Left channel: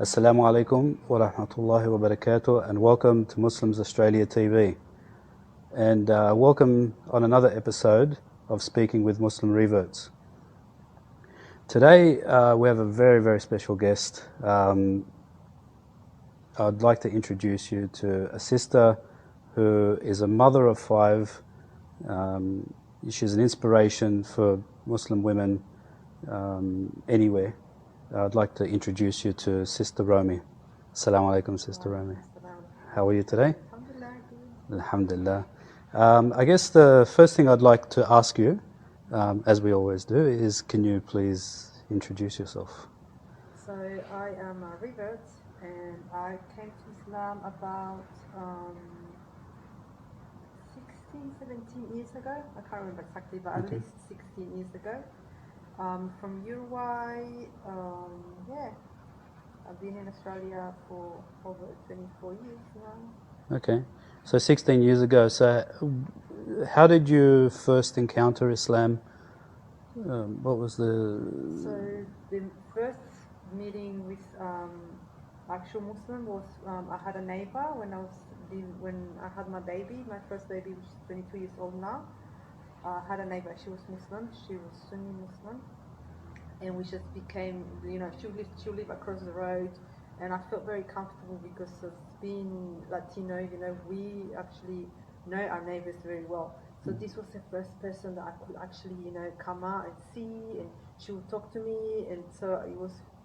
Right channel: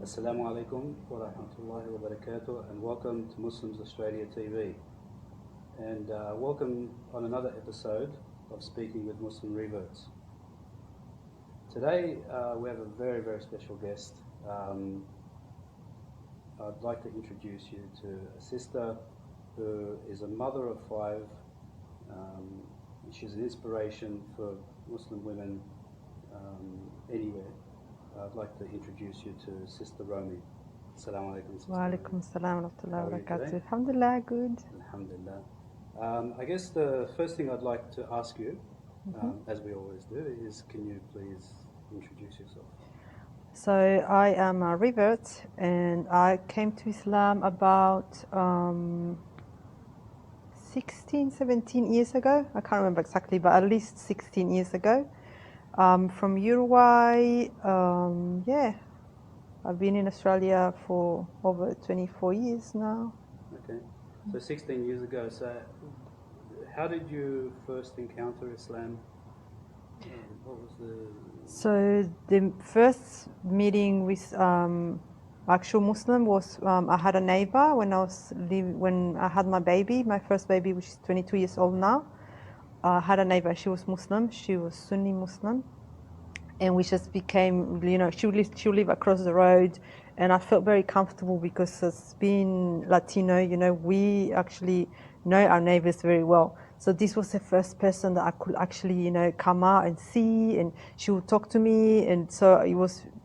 Assalamu alaikum wa rahmatullahi wa barakatuh, and welcome to Muslims Australia TV. And welcome on another episode of Speaking with Muslim Reverts. Today we have a very, very special guest. I'd like to introduce you to a sister who is a mother of five. She's an inspiration for Muslim women anywhere. I'd like to introduce you to Sister Romy. Assalamu alaikum, Sister Romy. How are you today? Alhamdulillah, good. Alhamdulillah. I guess the first thing I'd like to ask you, as we always do, is can you please introduce yourself? So I am a revert, and I came to Islam about 16, 17 years ago. I can't remember exactly, but at least 16 years ago. From Uruguay. I've been in Australia for over 24 years now. Okay, so 16 years ago. So how did you first encounter Islam? What was the... So the first meeting with actual Muslim was I had a neighbor when I had my baby, my first baby, which is 22 years old now. I had a neighbor. She was Muslim. She was Sunni Muslim, and we just became, she would live across the road, and I felt very comfortable because as being Latino, we actually know our neighbors very well. So this was the first person that I could actually, come out and see, and she would talk to me, and so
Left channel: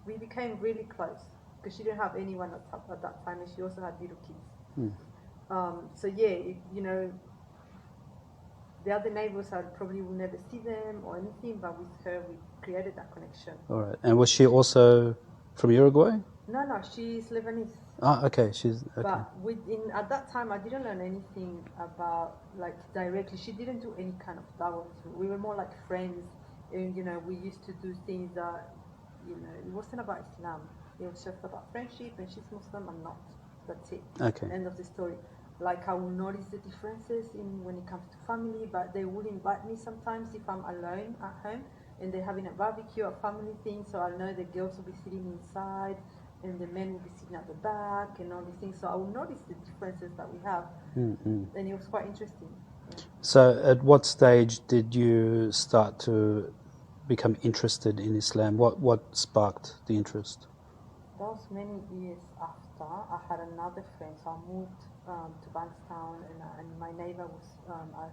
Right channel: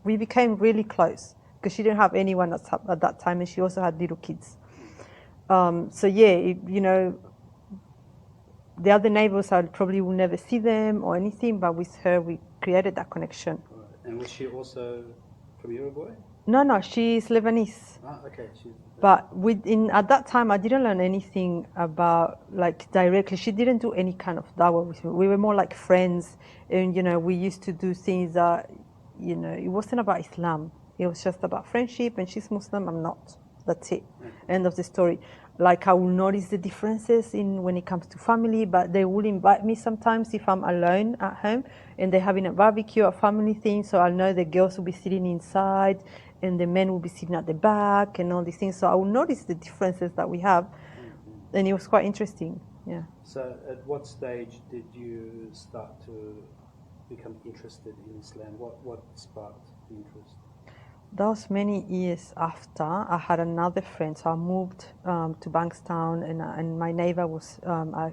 we became really close because she didn't have anyone at that time, and she also had little kids. The other neighbors, I probably will never see them or anything, but with her, we created that connection. All right. And was she also from Uruguay? No, she's Lebanese. Ah, okay. Okay. But at that time, I didn't learn anything about, directly. She didn't do any kind of dawah with me. We were more like friends, and, we used to do things that, it wasn't about Islam. It was just about friendship, and she's Muslim, I'm not. That's it. Okay. End of the story. I will notice the differences when it comes to family, but they will invite me sometimes if I'm alone at home and they're having a barbecue or family thing. So I know the girls will be sitting inside and the men will be sitting at the back and all these things. So I will notice the differences that we have. Mm-hmm. And it was quite interesting. Yeah. So at what stage did you start to become interested in Islam? What sparked the interest? That was many years after. I had another friend, so I moved to Bankstown, and my neighbor was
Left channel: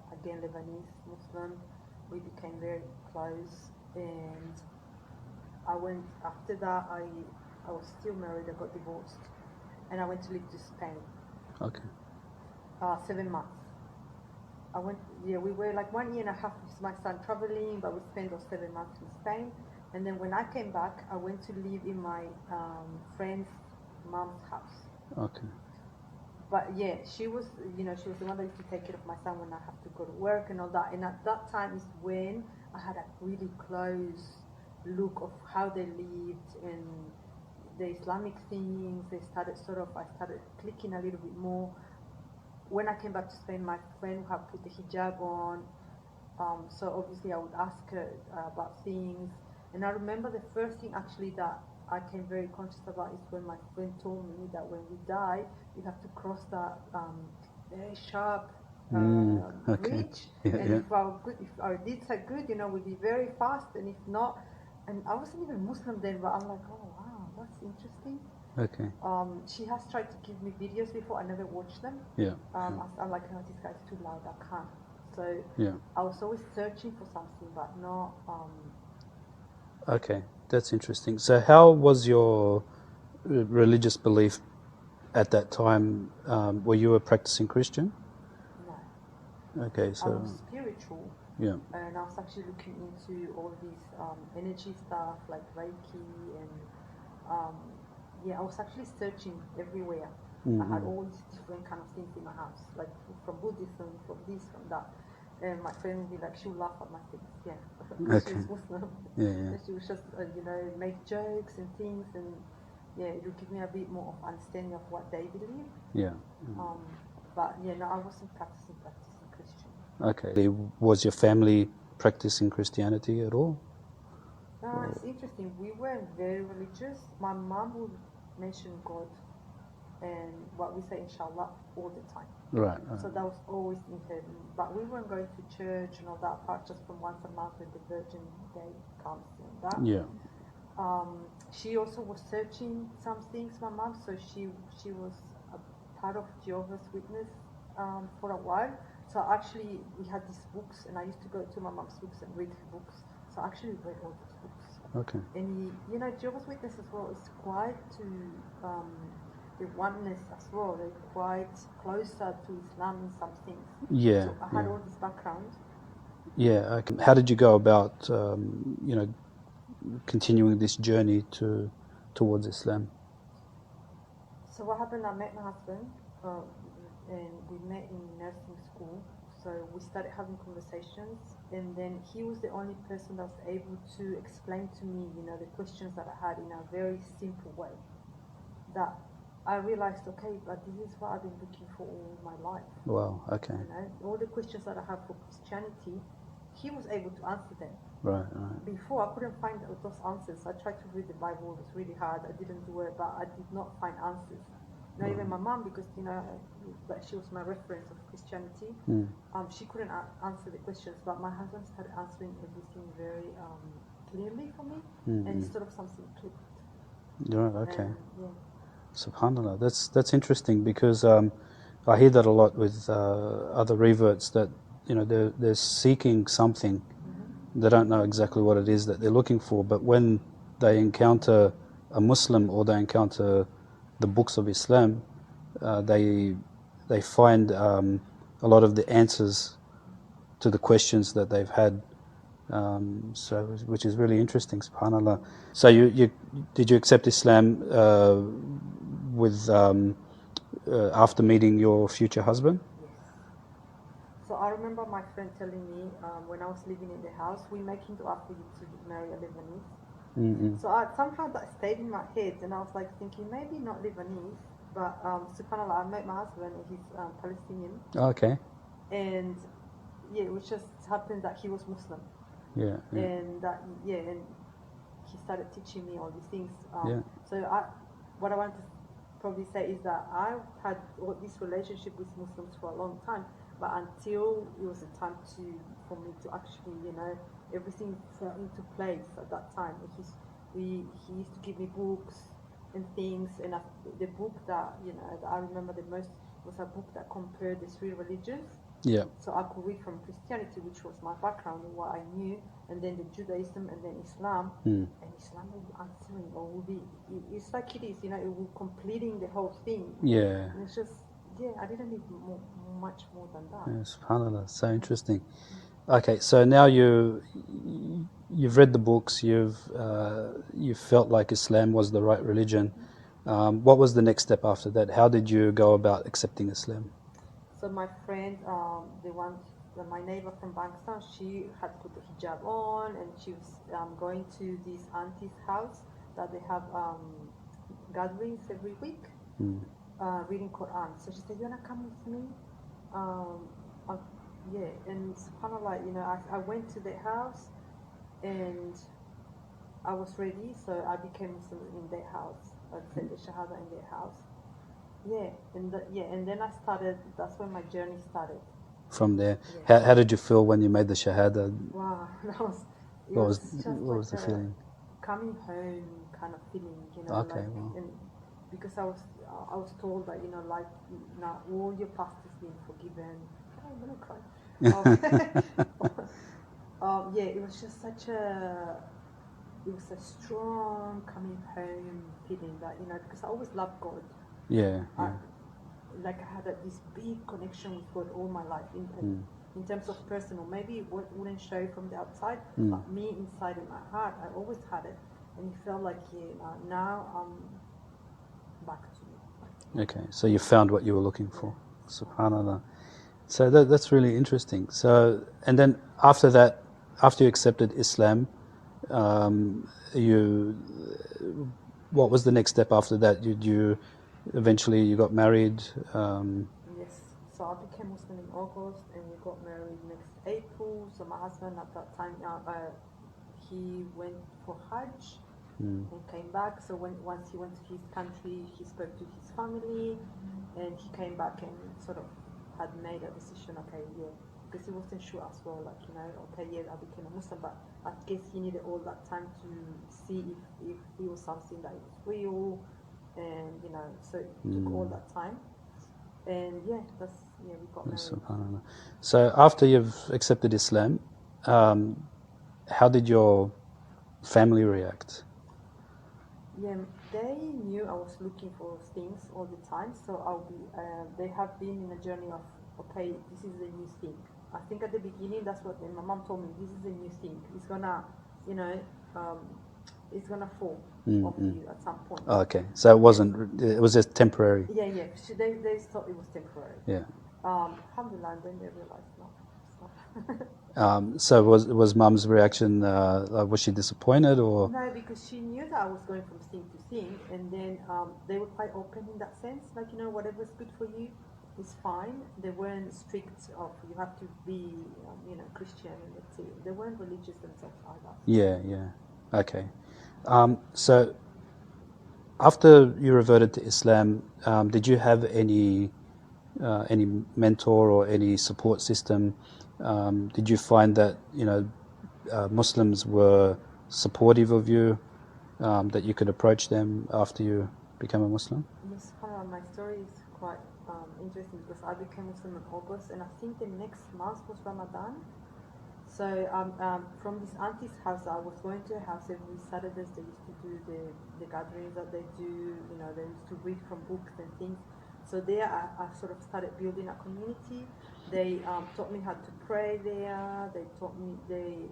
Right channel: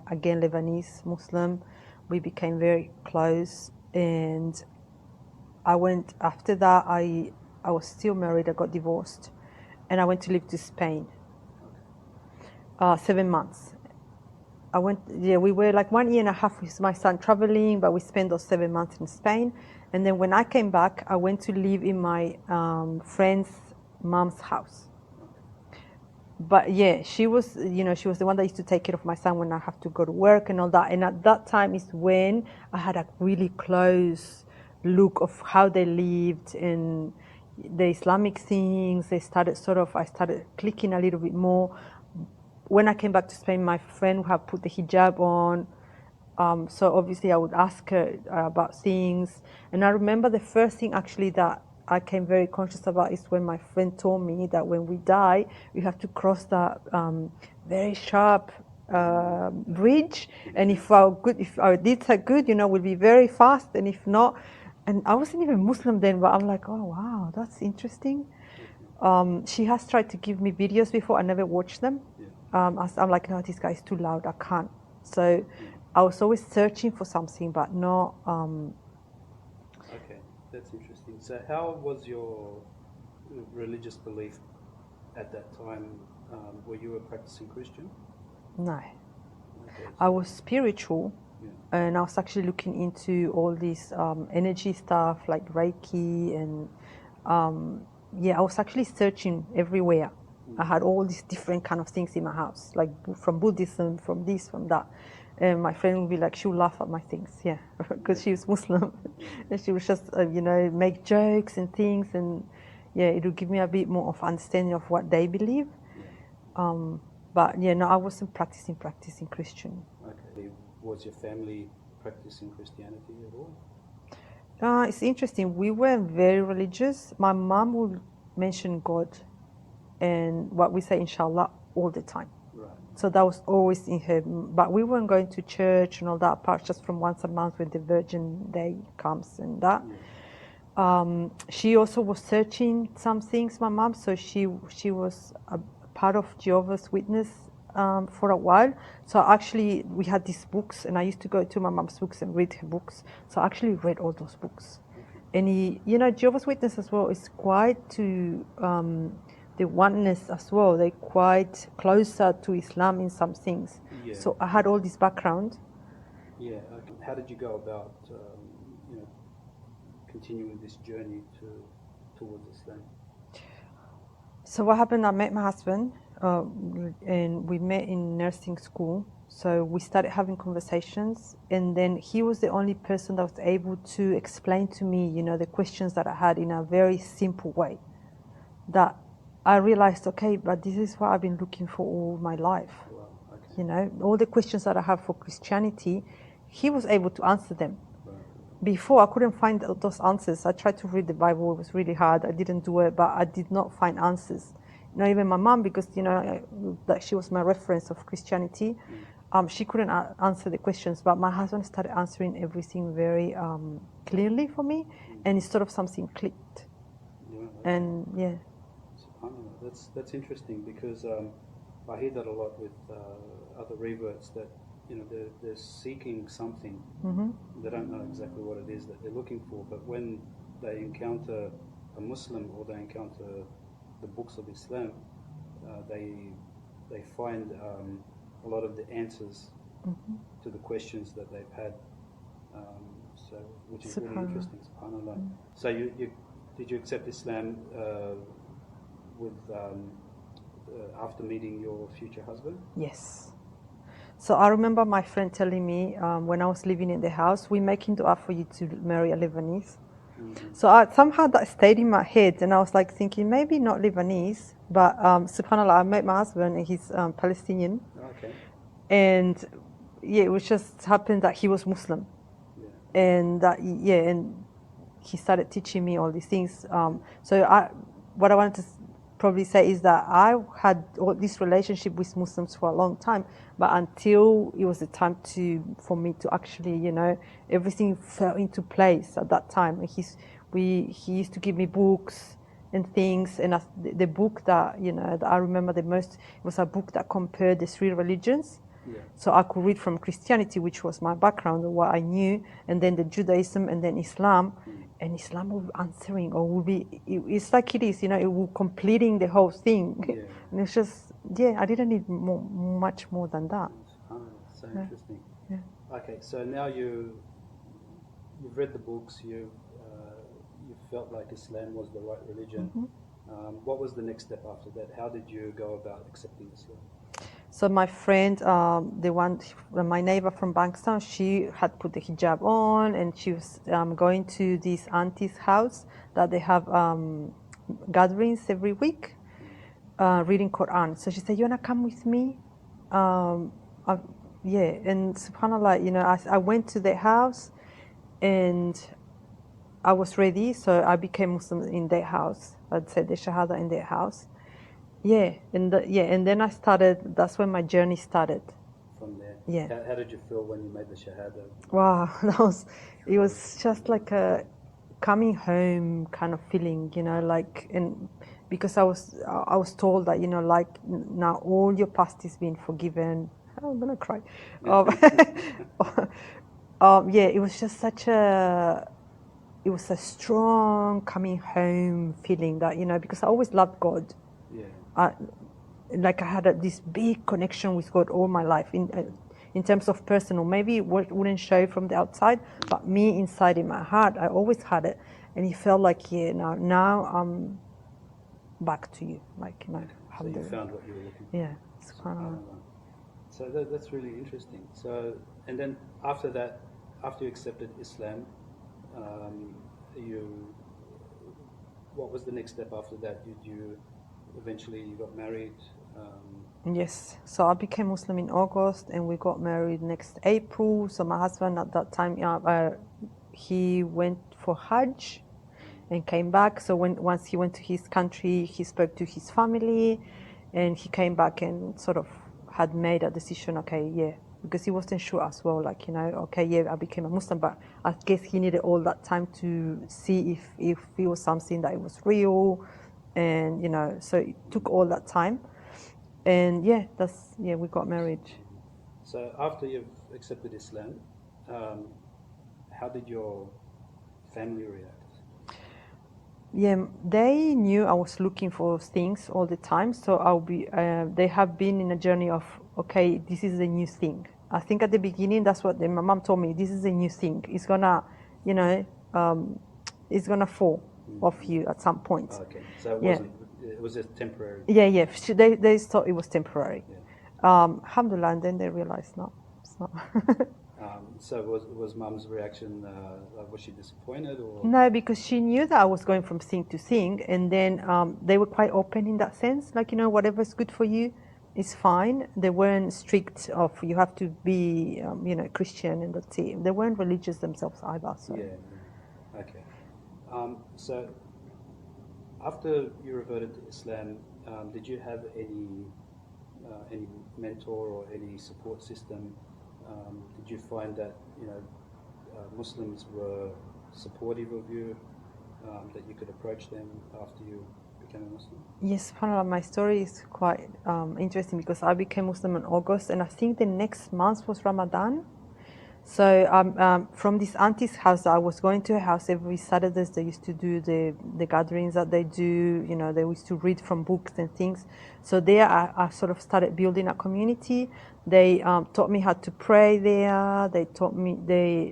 again Lebanese Muslim. We became very close, and I went after that. I was still married. I got divorced, and I went to live to Spain. Okay. 7 months. We were like 1 year and a half with my son traveling, but we spent those 7 months in Spain. And then when I came back, I went to live in my friend's mom's house. Okay. But yeah, she was the one that used to take care of my son when I have to go to work and all that. And at that time is when I had a really close look of how they lived and the Islamic things. I started clicking a little bit more. When I came back to Spain, my friend would have put the hijab on. So obviously I would ask her about things. And I remember the first thing actually that I came very conscious about is when my friend told me that when we die, we have to cross that very sharp bridge. Yeah, and yeah. if our deeds are good, we'll be very fast. And if not, and I wasn't even Muslim then, but I'm like, oh wow, that's interesting. Okay. She has tried to give me videos before. I never watched them. Yeah. I'm like, no, this guy is too loud. I can't. So yeah. I was always searching for something, but not. Okay, that's interesting. So how was your religious belief at that time? Were you a practicing Christian? No. Okay. So I was spiritual. Yeah. And I was actually looking into all this energy stuff like Reiki and I was actually searching everywhere. Mm-hmm. I had all these different kind of things in my house, like from Buddhism, from this, from that. And my friend would be like, she would laugh at my things, because she was Muslim. Yeah. And she would just, make jokes and things, and it would give me a bit more of understanding of what they believe. Yeah. But no, I wasn't practicing Christian. Okay. Was your family practicing Christianity at all? It's interesting. We weren't very religious. My mom would mention God and what we say, inshallah, all the time. Right. So that was always in her. But we weren't going to church and all that, apart just from once a month when the Virgin Day comes and that. Yeah. She also was searching some things, my mom. So she was a part of Jehovah's Witness for a while. So actually, we had these books, and I used to go to my mom's books and read her books. So I actually read all those books. Okay. And Jehovah's Witness as well is quite to the oneness as well. They're quite closer to Islam in some things. Yeah. So I had all this background. Yeah. Okay. How did you go about, continuing this journey towards Islam? So what happened, I met my husband, and we met in nursing school. So we started having conversations, and then he was the only person that was able to explain to me, the questions that I had in a very simple way. That I realized, okay, but this is what I've been looking for all my life. Wow. Okay. All the questions that I have for Christianity, he was able to answer them. Right. Before, I couldn't find those answers. I tried to read the Bible. It was really hard. I didn't do it, but I did not find answers. Even my mom, because, that she was my reference of Christianity, she couldn't answer the questions. But my husband started answering everything very clearly for me, and it sort of something clicked. Right. Okay. And yeah. SubhanAllah. That's interesting, because I hear that a lot with other reverts, that they're seeking something. They don't know exactly what it is that they're looking for, but when they encounter a Muslim or they encounter the books of Islam, they find a lot of the answers to the questions that they've had. So which is really interesting, SubhanAllah. So you did you accept Islam with after meeting your future husband? Yes. So I remember my friend telling me when I was living in the house, we're making dua for you to marry a Lebanese. So somehow that stayed in my head, and I was like thinking, maybe not Lebanese, but SubhanAllah, I met my husband and he's Palestinian. Okay. And yeah, it was just happened that he was Muslim. Yeah. And and he started teaching me all these things. So what I wanted to probably say is that I had all this relationship with Muslims for a long time, but until it was the time for me to actually, everything fell into place at that time. And he used to give me books and things, and the book that that I remember the most was a book that compared the three religions. Yeah. So I could read from Christianity, which was my background, or what I knew, and then the Judaism, and then Islam. And Islam will be answering, or will be, it's like it is, it will completing the whole thing. Yeah. And it's just, I didn't need much more than that. Yeah, SubhanAllah, so interesting. Okay, so now you've read the books, you felt like Islam was the right religion. What was the next step after that? How did you go about accepting Islam? So my friend, my neighbor from Bankstown, she had put the hijab on, and she was going to this auntie's house that they have gatherings every week, reading Quran. So she said, "You wanna come with me?" And SubhanAllah, I went to their house, and I was ready, so I became Muslim in their house. I'd said the Shahada in their house. And then I started. That's when my journey started. From there, Yeah. How did you feel when you made the Shahada? Wow, it was just like a coming home kind of feeling, and because I was told that now all your past is being forgiven. I'm gonna cry. It was just it was a strong coming home feeling that because I always loved God. I had this big connection with God all my life in terms of personal. Maybe it wouldn't show from the outside, but me inside in my heart, I always had it, and it felt like now I'm back to you. Okay, so you found what you were looking for. Yeah. SubhanAllah. So that's really interesting. So, and then after that, after you accepted Islam, what was the next step after that? Eventually you got married? Yes. So I became Muslim in August, and we got married next April. So my husband at that time, he went for Hajj. and came back. So once he went to his country, he spoke to his family, and he came back and sort of had made a decision, okay, yeah, because he wasn't sure as well, like, you know, okay, yeah, I became a Muslim, but I guess he needed all that time to see if it was something that it was real, and, you know, so it took all that time. And yeah, we got married. So after you've accepted Islam, how did your family react? Yeah, they knew I was looking for things all the time, so they have been in a journey of, okay, this is a new thing. I think at the beginning, that's what my mom told me, this is a new thing. It's gonna, you know, it's gonna fall off you at some point. Oh, okay, so it wasn't, it was just temporary. Yeah. They thought it was temporary. Yeah. Alhamdulillah, and then they realized, no, it's not. So was Mum's reaction, was she disappointed or? No, because she knew that I was going from thing to thing, and then they were quite open in that sense, like, you know, whatever's good for you is fine. They weren't strict of you have to be, you know, Christian and that's it. They weren't religious themselves either. So. Yeah, okay. So after you reverted to Islam, did you have any mentor or any support system? Did you find that, you know, Muslims were supportive of you, that you could approach them after you became a Muslim? Yes, subhanAllah, my story is quite interesting because I became Muslim in August, and I think the next month was Ramadan. So from this auntie's house, I was going to her house every Saturdays. They used to do the gatherings that they do. You know, they used to read from books and things. So there, I sort of started building a community. They taught me how to pray there. They taught me,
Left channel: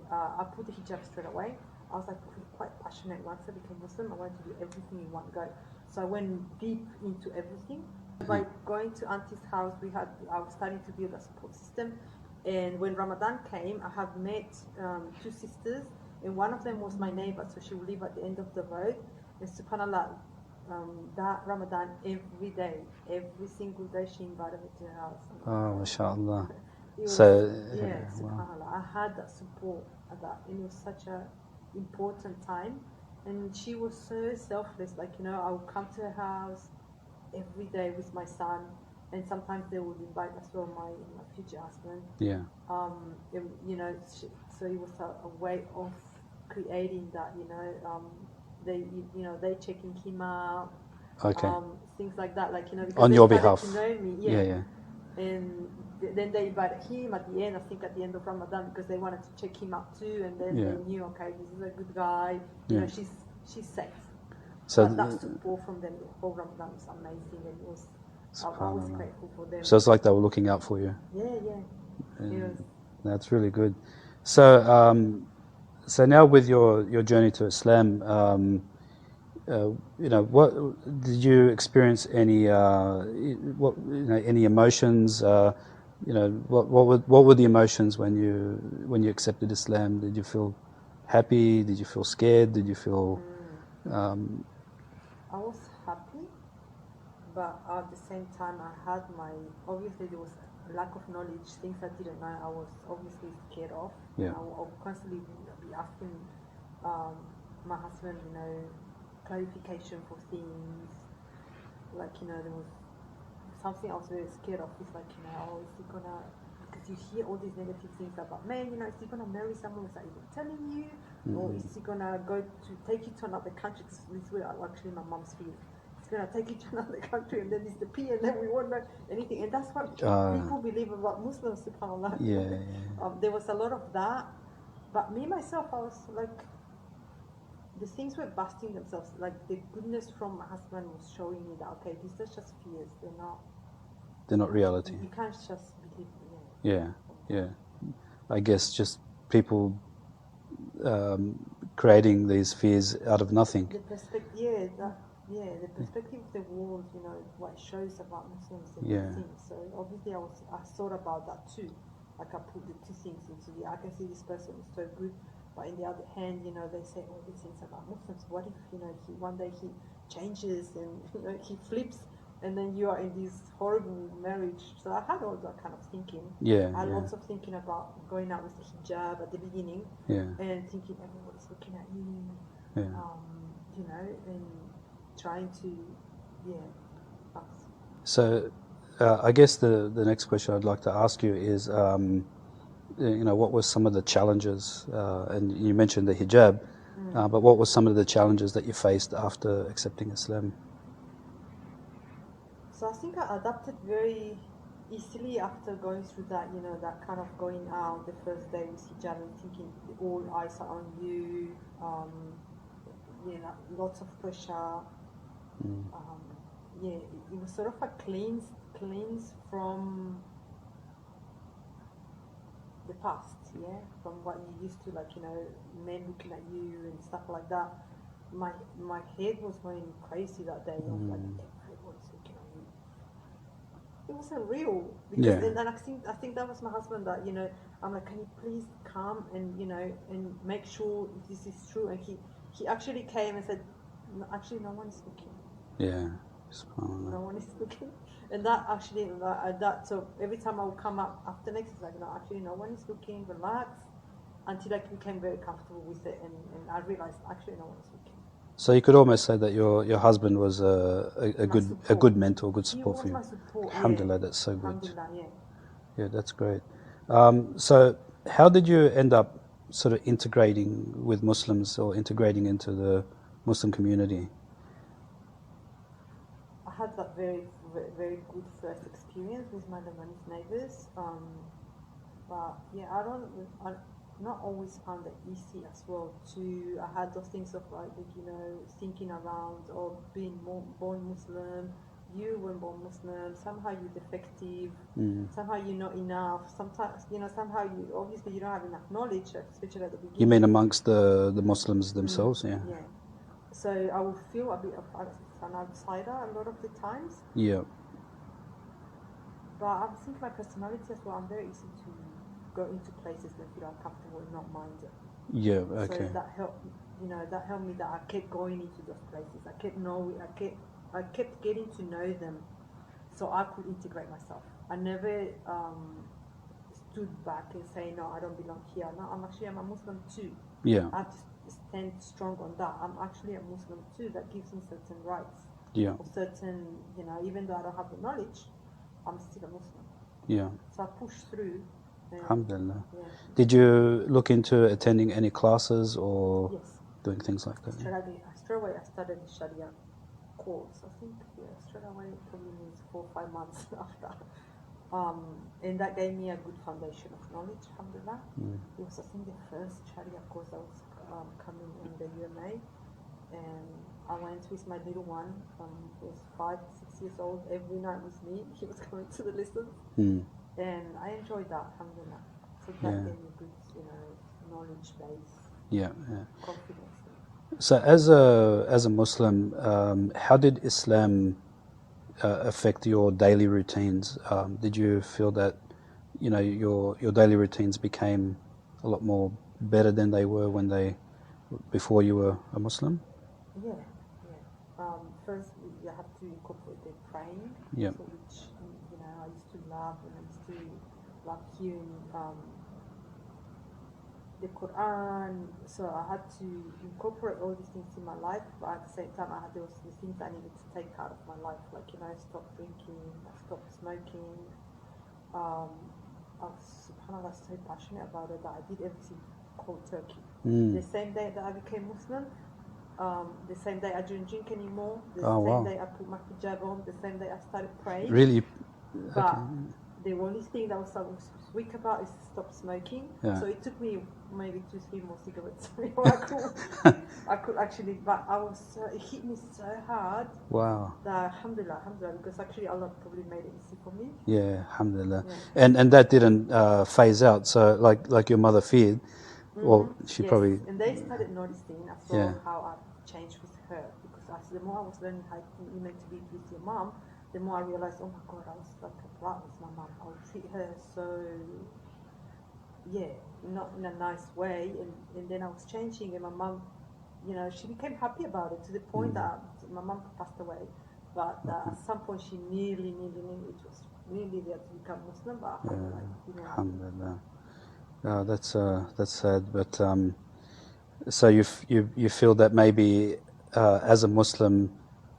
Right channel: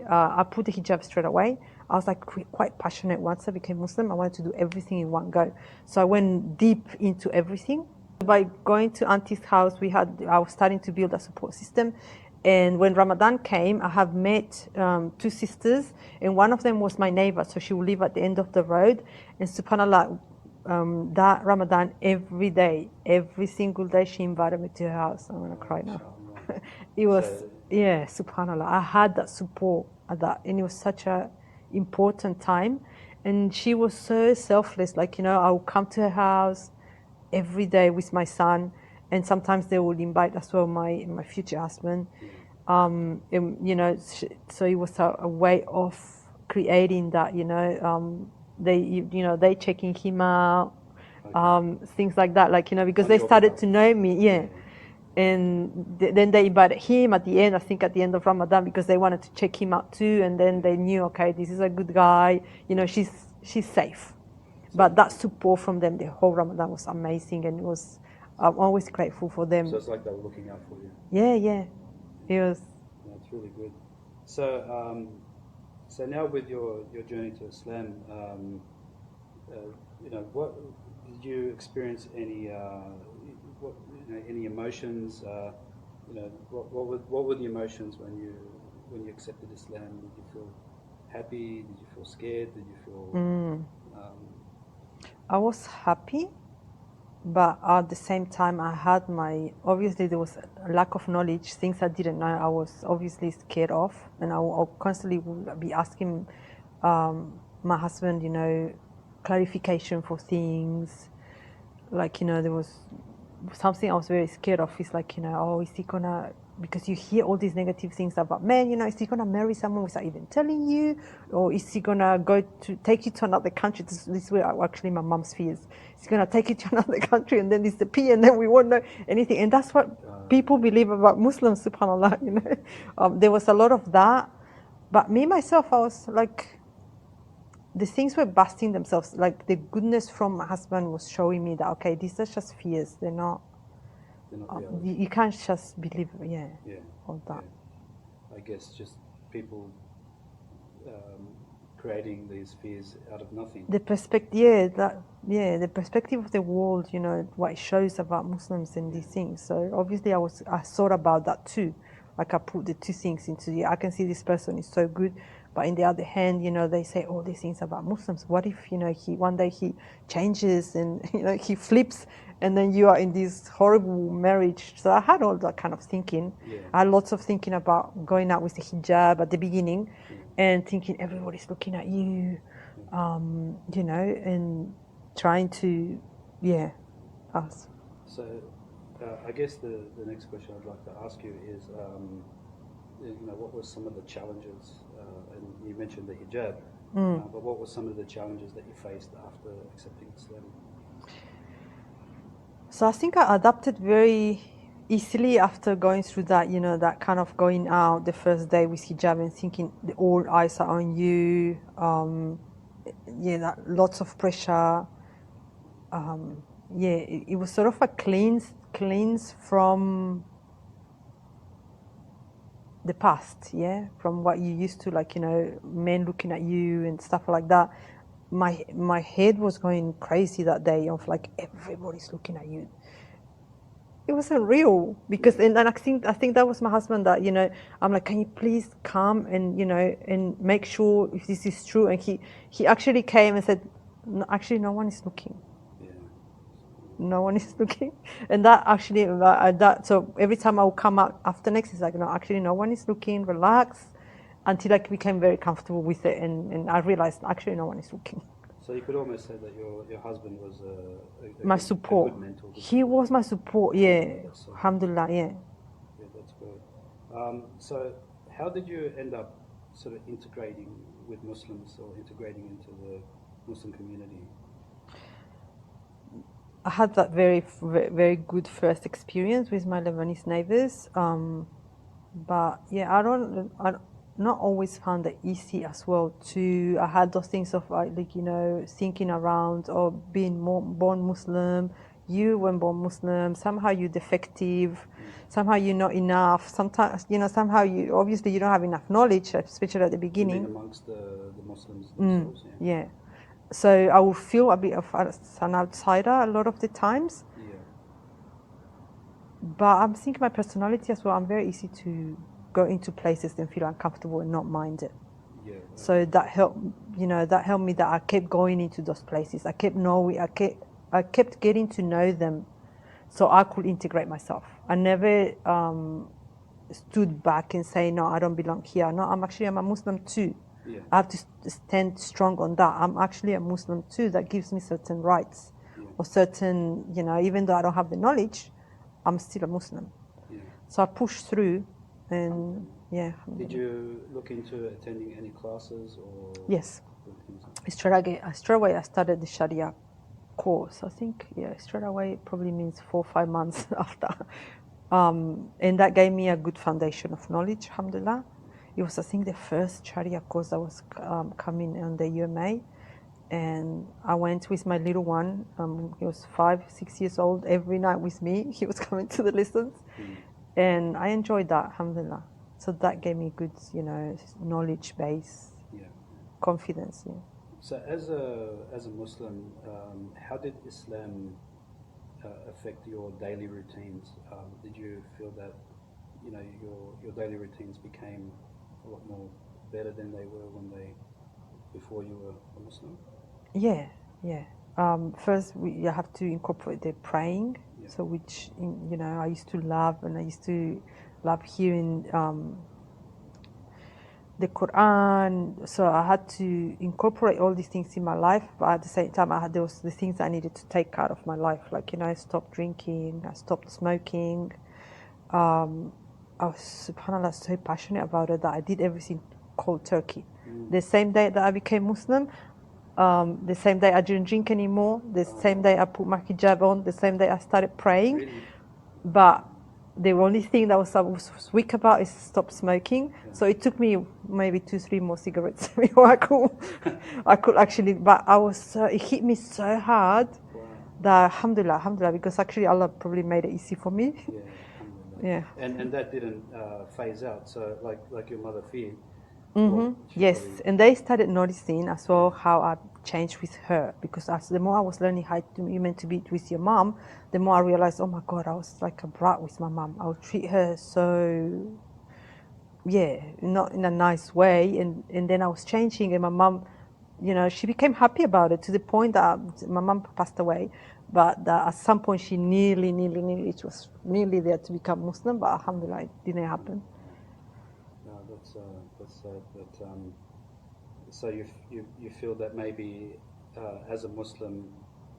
I put the hijab straight away. I was like quite passionate once I became Muslim. I wanted to do everything in one go. So I went deep into everything. By going to auntie's house, I was starting to build a support system. And when Ramadan came, I have met two sisters, and one of them was my neighbor, so she would live at the end of the road. And subhanAllah, that Ramadan, every single day, she invited me to her house. MashaAllah. It was, subhanAllah. I had that support at that, and it was such a important time. And she was so selfless, like, you know, I would come to her house every day with my son. And sometimes they would invite as well my future husband. Yeah. And, you know, so it was a way of creating that, you know, they checking him out, things like that, like, you know, because they started to know me, and then they invited him at the end. I think at the end of Ramadan, because they wanted to check him out too, and then they knew, okay, this is a good guy, you know, she's safe. So but that support from them, the whole Ramadan was amazing, and it was. I'm always grateful for them. So it's like they were looking out for you. Yeah. It was. That's really good. So, so now with your journey to Islam, you know, what did you experience any any emotions? You know, what were the emotions when you accepted Islam? Did you feel happy? Did you feel scared? Did you feel? I was happy. But at the same time, obviously there was a lack of knowledge, things I didn't know, I was obviously scared of. And I constantly would be asking my husband, you know, clarification for things. Like, you know, there was something I was very scared of. It's like, you know, oh, is he gonna, because you hear all these negative things about men, you know, is he gonna marry someone without even telling you? Or is he gonna take you to another country? This way, actually my mom's fears. He's going to take you to another country and then disappear, and then we won't know anything. And that's what people believe about Muslims, subhanAllah. You know? There was a lot of that. But me, myself, I was like, the things were busting themselves. Like the goodness from my husband was showing me that, okay, these are just fears. They're not reality. You can't just believe, I guess just people creating these fears out of nothing. The perspective, the perspective of the world, you know, what it shows about Muslims and these things. So obviously I thought about that too. Like I put the two things into I can see this person is so good, but in the other hand, you know, they say all these things about Muslims. What if, you know, one day he changes and, you know, he flips, and then you are in this horrible marriage. So I had all that kind of thinking. I had lots of thinking about going out with the hijab at the beginning, and thinking everybody's looking at you. Yeah. You know, and trying to, us. So, I guess the next question I'd like to ask you is, what were some of the challenges? And you mentioned the hijab, but what were some of the challenges that you faced after accepting Islam? So I think I adapted very easily after going through that, you know, that kind of going out the first day with hijab and thinking all eyes are on you, lots of pressure. It was sort of a cleanse from the past, from what you used to, like, you know, men looking at you and stuff like that. My head was going crazy that day of like everybody's looking at you. It wasn't real because Yeah. and I think that was my husband that, you know, I'm like, can you please come and, you know, and make sure if this is true, and he actually came and said, no, actually no one is looking. Yeah. No one is looking. And that actually so every time I would come out after next, it's like, no, actually no one is looking, relax, until I became very comfortable with it, and I realized actually no one is looking. So you could almost say that your husband was My a support. good mentor, good He support was for you. my support. Alhamdulillah, Yeah. that's so good. Alhamdulillah. Yeah. Yeah, that's great. So how did you end up sort of integrating with Muslims or integrating into the Muslim community? I had that very, very good first experience with my Lebanese neighbors. But yeah, I not always found it easy as well. I had those things of like, you know, thinking around or being born Muslim. You were born Muslim. Somehow you're defective. Somehow you're not enough. Sometimes, you know, somehow you obviously you don't have enough knowledge, especially at the You beginning. mean amongst the Muslims themselves? Yeah. Yeah. So I would feel a bit of an outsider a lot of the times. Yeah. But I'm thinking my personality as well. I'm very easy to go into places and feel uncomfortable and not mind it. Yeah. Okay. So that helped, you know, that helped me that I kept going into those places. I kept knowing, I kept getting to know them, so I could integrate myself. I never stood back and say, no, I don't belong here. No, I'm a Muslim too. Yeah. I have to stand strong on that. I'm actually a Muslim too. That gives me certain rights. Yeah. Or certain, you know, even though I don't have the knowledge, I'm still a Muslim. Yeah. So I pushed through. And Alhamdulillah. yeah. Did you look into attending any classes or Yes. doing things like that? Straight away I started the Sharia course. I think, straight away it probably means 4 or 5 months after. And that gave me a good foundation of knowledge, alhamdulillah. It was, I think, the first Sharia course that was coming on the UMA. And I went with my little one. He was 5, 6 years old. Every night with me, he was coming to the lessons. And I enjoyed that, alhamdulillah. So that gave me good, you know, knowledge base, confidence. Yeah. So as a Muslim, how did Islam affect your daily routines? Did you feel that, you know, your daily routines became a lot more better than they were before you were a Muslim? Yeah. First, you have to incorporate the praying. So which, you know, I used to love, and I used to love hearing the Quran. So I had to incorporate all these things in my life, but at the same time there was the things I needed to take out of my life. Like, you know, I stopped drinking, I stopped smoking. I was, subhanAllah, so passionate about it that I did everything cold turkey. The same day that I became Muslim, the same day I didn't drink anymore, the same day I put my hijab on, the same day I started praying. Really? But the only thing that I was weak about is stop smoking. So it took me maybe 2-3 more cigarettes before I could actually. But it hit me so hard. Wow. That alhamdulillah, because actually Allah probably made it easy for me. Yeah, alhamdulillah. Yeah. And that didn't phase out. So like your mother feared. Well, she Yes, probably. and they started noticing as well how I changed with her, because the more I was learning how you meant to be with your mom, the more I realized, oh my God, I was like a brat with my mom. I would treat her so, not in a nice way, and then I was changing, and my mom, you know, she became happy about it to the point that my mom passed away, but at some point she nearly, she was nearly there to become Muslim, but alhamdulillah, it didn't happen. Alhamdulillah. No, that's sad, but So you feel that maybe as a Muslim,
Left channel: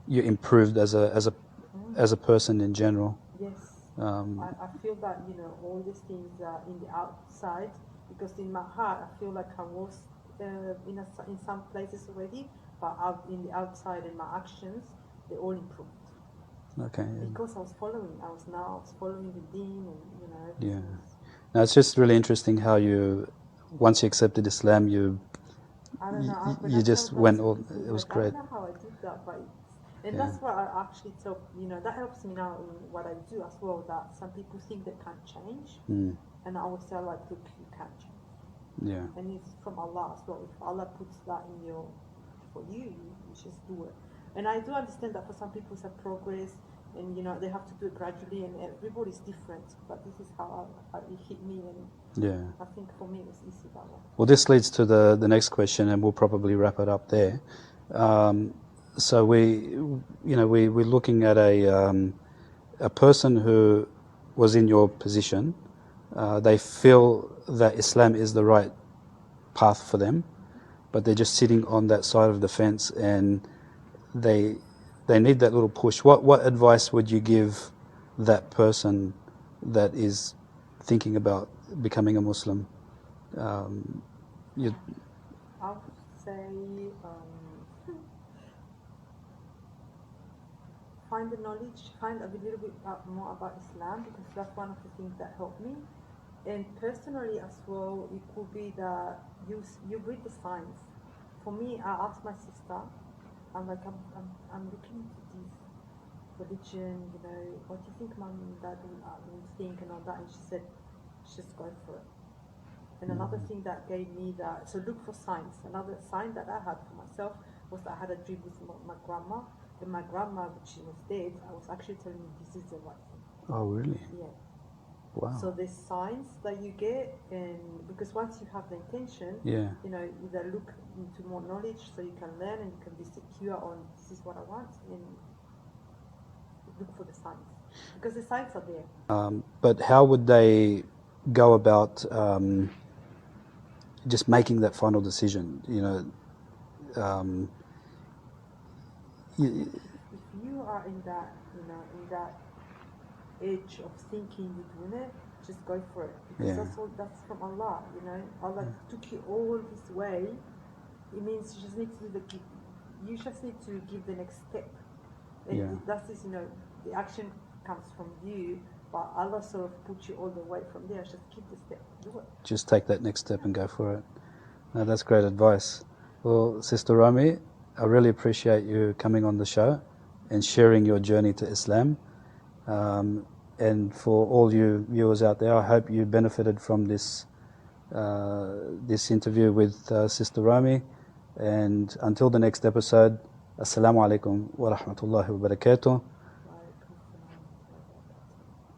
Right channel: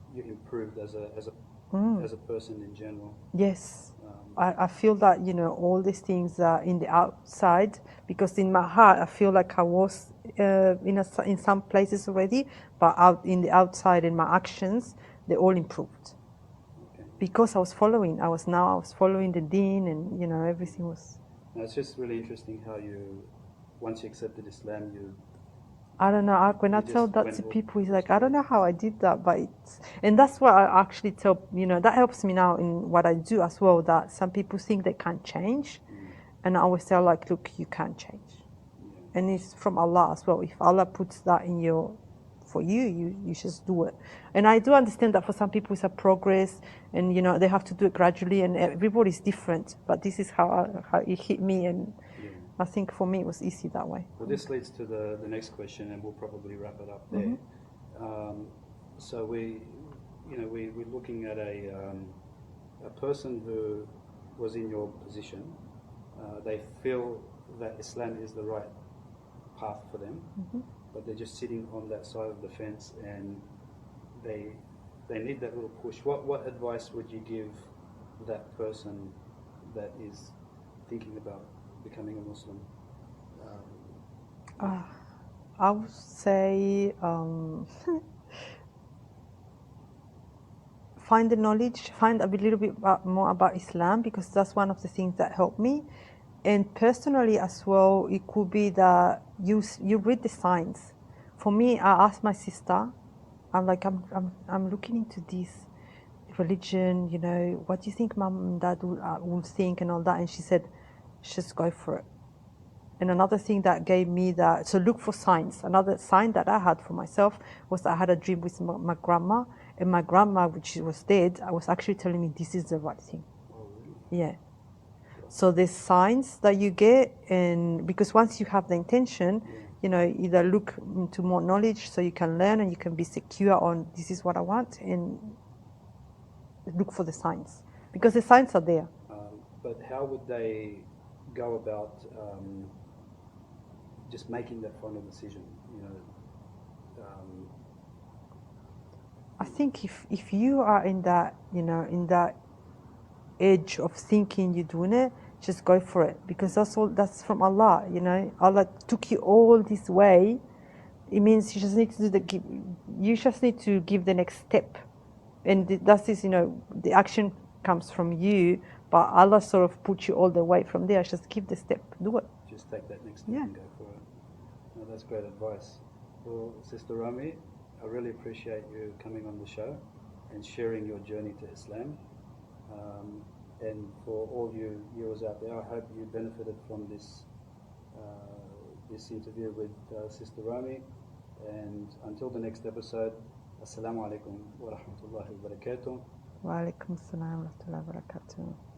you improved as a person in general. Yes. Um, I feel that, you know, all these things are in the outside, because in my heart I feel like I was in some places already, but out in the outside, in my actions, they all improved. okay. Because I was following the deen, and you know, everything Yeah. was. Now it's just really interesting how once you accepted Islam, I don't know. When I you tell just that went to all. people, It it's was like, I don't great. know how I did that, but and Yeah. that's what I actually tell. You know, that helps me now in what I do as well. That some people think they can't change, Mm. and I always tell, like, look, you can change, Yeah. and it's from Allah as well. If Allah puts that in for you, you just do it. And I do understand that for some people it's a progress, and you know, they have to do it gradually, and everybody's different. But this is how it hit me, and Yeah. I think for me it was easy that way. Well, this leads to the next question, and we'll probably wrap it up there. So we're looking at a person who was in your position. They feel that Islam is the right path for them, but they're just sitting on that side of the fence, and they need that little push. What advice would you give that person that is thinking about becoming a Muslim? You, I would say find the knowledge, find a little bit more about Islam, because that's one of the things that helped me. And personally as well, it could be that you read the signs. For me, I asked my sister, I'm like, I'm looking into this religion, you know, what do you think mom and dad will think and all that? And she said, just go for it. And another thing that gave me that, so look for signs. Another sign that I had for myself was I had a dream with my grandma, and my grandma, which was dead, I was actually telling me this is the right thing. oh, really? Yeah. Wow. So there's signs that you get, and because once you have the intention, Yeah. you know, either look into more knowledge so you can learn and you can be secure on this is what I want, and look for the signs, because the signs are there. But how would they go about just making that final decision? You know, I think if you are in that, you know, in that edge of thinking you're doing it, just go for it, because Yeah. that's from Allah, you know. Allah took you all this way. It means you just need to you just need to give the next step, and Yeah. that is, you know, the action comes from you, but Allah sort of put you all the way from there. Just give the step, do it. Just take that next step Yeah. and go for it. No, that's great advice. Well, Sister Romy, I really appreciate you coming on the show and sharing your journey to Islam. And for all you viewers out there, I hope you benefited from this interview with Sister Romy. And until the next episode, Assalamu alaikum wa rahmatullahi wa barakatuh. Wa alaikum assalam wa rahmatullahi wa barakatuh.